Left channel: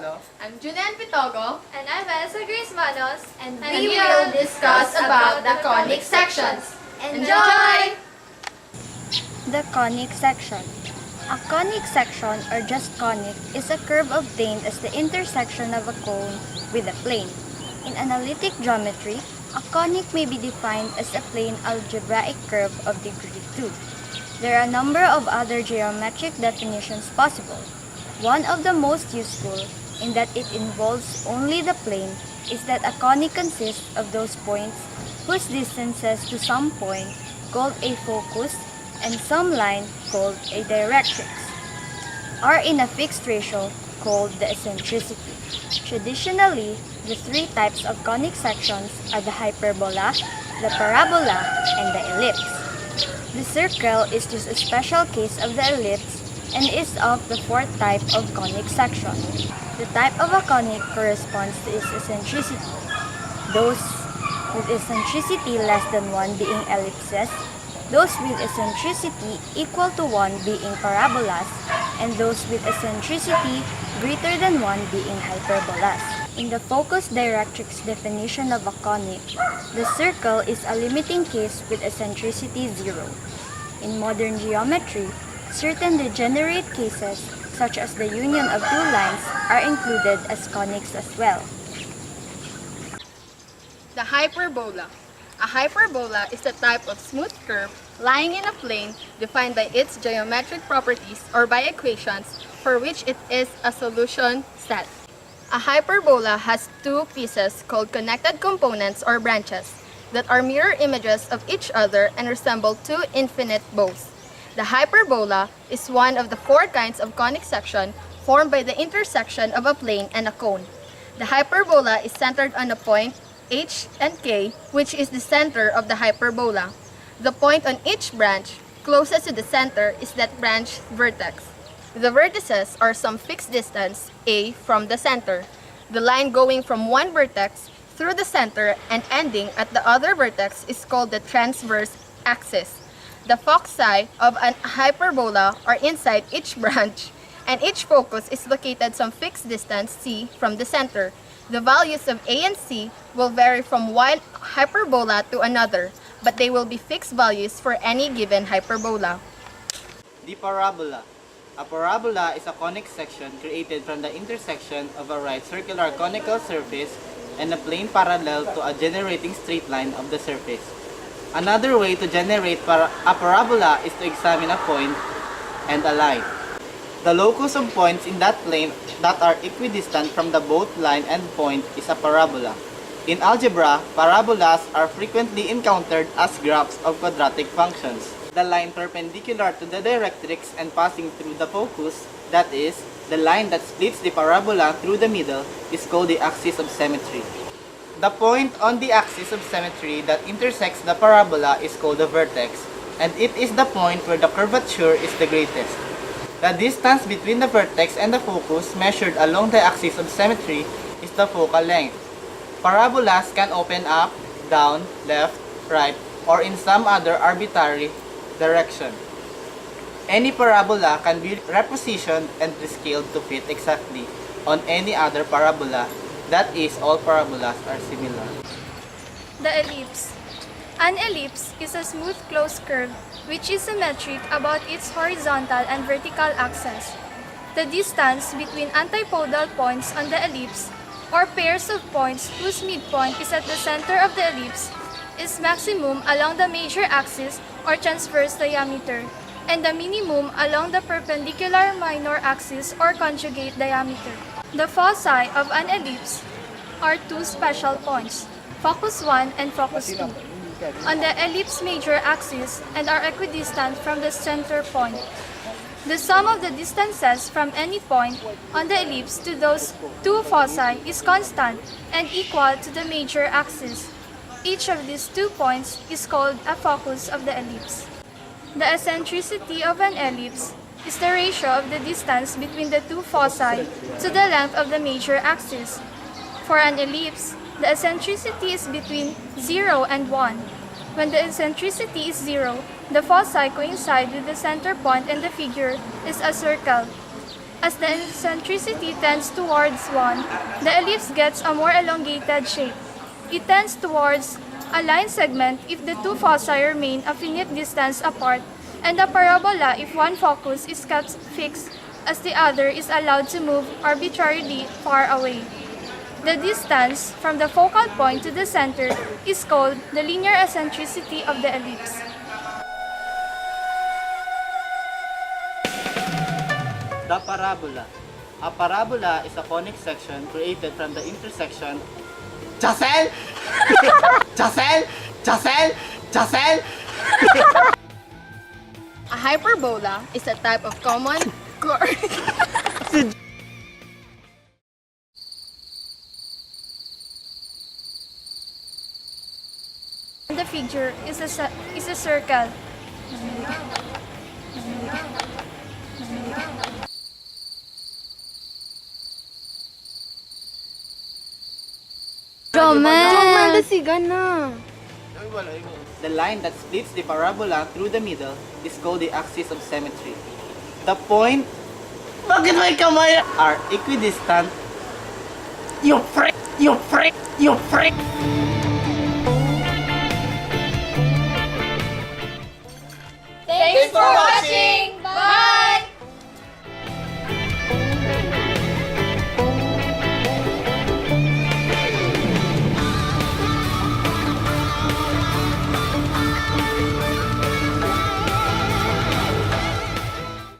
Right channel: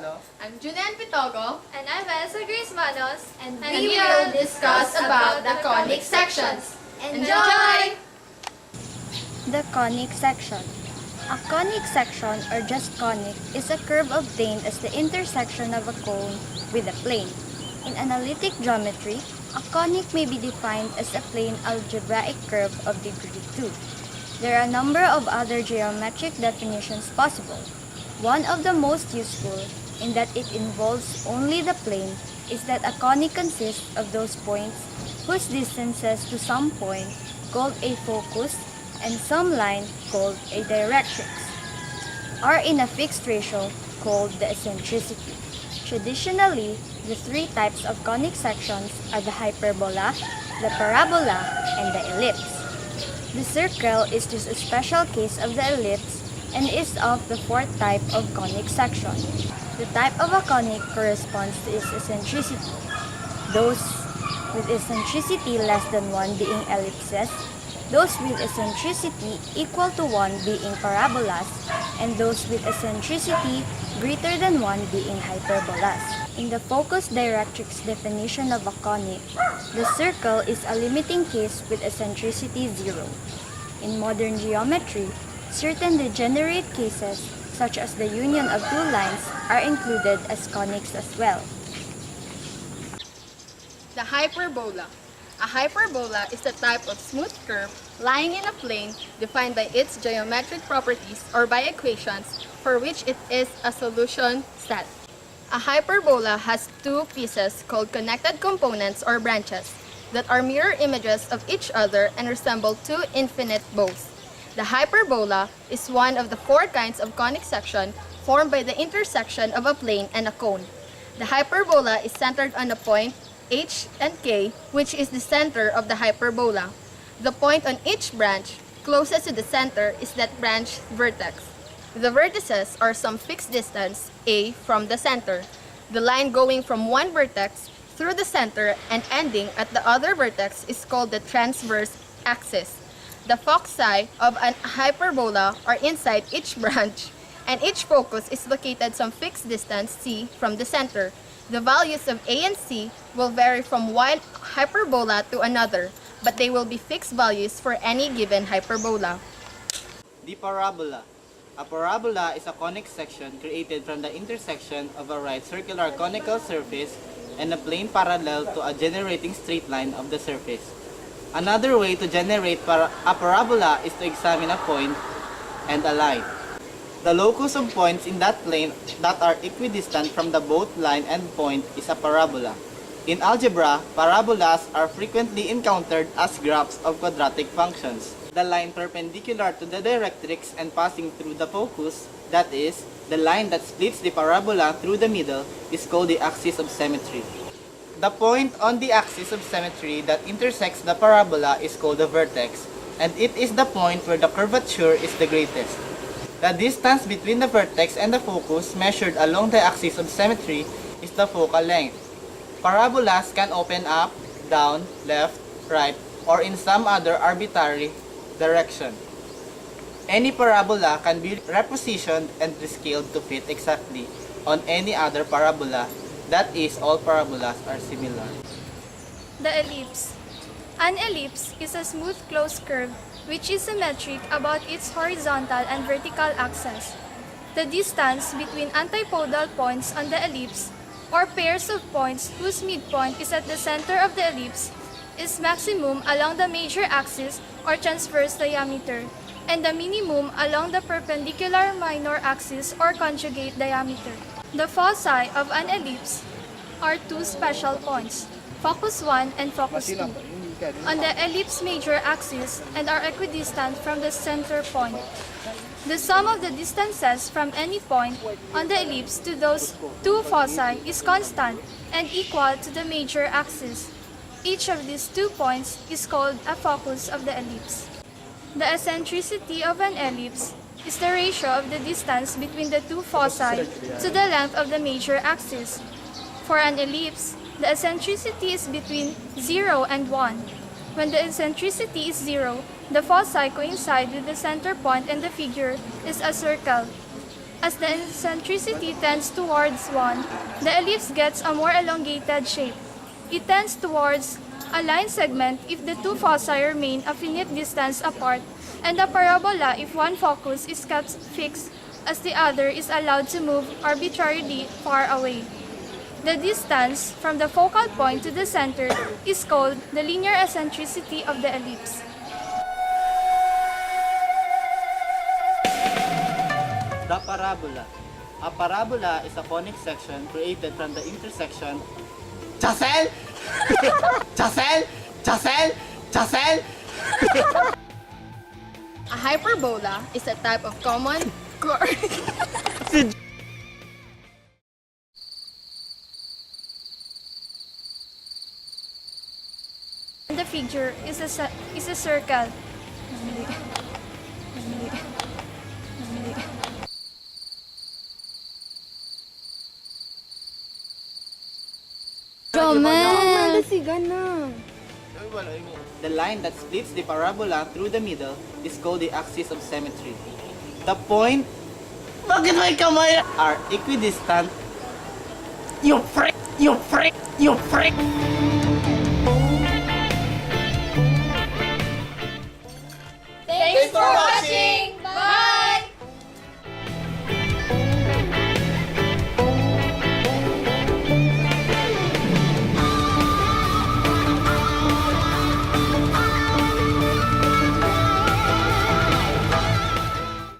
Sano. I'm Julian Pitogo. And I'm Elsa Grace Manos. And we will discuss about the conic sections. Enjoy! The conic section. A conic section, or just conic, is a curve obtained as the intersection of a cone with a plane. In analytic geometry, a conic may be defined as a plane algebraic curve of degree 2. There are a number of other geometric definitions possible. One of the most useful, in that it involves only the plane, is that a conic consists of those points whose distances to some point, called a focus, and some line, called a directrix, are in a fixed ratio, called the eccentricity. Traditionally, the three types of conic sections are the hyperbola, the parabola, and the ellipse. The circle is just a special case of the ellipse and is of the fourth type of conic section. The type of a conic corresponds to its eccentricity. Those with eccentricity less than 1 being ellipses, those with eccentricity equal to 1 being parabolas, and those with eccentricity greater than 1 being hyperbolas. In the focus directrix definition of a conic, the circle is a limiting case with eccentricity 0. In modern geometry, certain degenerate cases, such as the union of two lines, are included as conics as well. The hyperbola. A hyperbola is a type of smooth curve lying in a plane defined by its geometric properties or by equations for which it is a solution set. A hyperbola has two pieces called connected components or branches that are mirror images of each other and resemble two infinite bows. The hyperbola is one of the four kinds of conic section formed by the intersection of a plane and a cone. The hyperbola is centered on a point H and K, which is the center of the hyperbola. The point on each branch closest to the center is that branch vertex. The vertices are some fixed distance, A, from the center. The line going from one vertex through the center and ending at the other vertex is called the transverse axis. The foci of a hyperbola are inside each branch, and each focus is located some fixed distance, C, from the center. The values of A and C will vary from one hyperbola to another, but they will be fixed values for any given hyperbola. The parabola. A parabola is a conic section created from the intersection of a right circular conical surface and a plane parallel to a generating straight line of the surface. Another way to generate a parabola is to examine a point and a line. The locus of points in that plane that are equidistant from the both line and point is a parabola. In algebra, parabolas are frequently encountered as graphs of quadratic functions. The line perpendicular to the directrix and passing through the focus, that is, the line that splits the parabola through the middle, is called the axis of symmetry. The point on the axis of symmetry that intersects the parabola is called the vertex, and it is the point where the curvature is the greatest. The distance between the vertex and the focus measured along the axis of symmetry is the focal length. Parabolas can open up, down, left, right, or in some other arbitrary direction. Any parabola can be repositioned and rescaled to fit exactly on any other parabola. That is, all parabolas are similar. The ellipse. An ellipse is a smooth closed curve which is symmetric about its horizontal and vertical axes. The distance between antipodal points on the ellipse, or pairs of points whose midpoint is at the center of the ellipse, is maximum along the major axis or transverse diameter, and the minimum along the perpendicular minor axis or conjugate diameter. The foci of an ellipse are two special points, focus 1 and focus 2, on the ellipse major axis and are equidistant from the center point. The sum of the distances from any point on the ellipse to those two foci is constant and equal to the major axis. Each of these 2 points is called a focus of the ellipse. The eccentricity of an ellipse is the ratio of the distance between the 2 foci to the length of the major axis. For an ellipse, the eccentricity is between 0 and 1. When the eccentricity is 0, the foci coincide with the center point and the figure is a circle. As the eccentricity tends towards 1, the ellipse gets a more elongated shape. It tends towards a line segment if the two foci remain a finite distance apart, and a parabola if one focus is kept fixed as the other is allowed to move arbitrarily far away. The distance from the focal point to the center is called the linear eccentricity of the ellipse. The parabola. A parabola is a conic section created from the intersection. Chasel! Chasel! Chasel! Chasel! A hyperbola is a type of common chord. The figure is a circle. Jomel! The line that splits the parabola through the middle is called the axis of symmetry. The point Bakit may kamay are equidistant. You freak! You freak! You freak!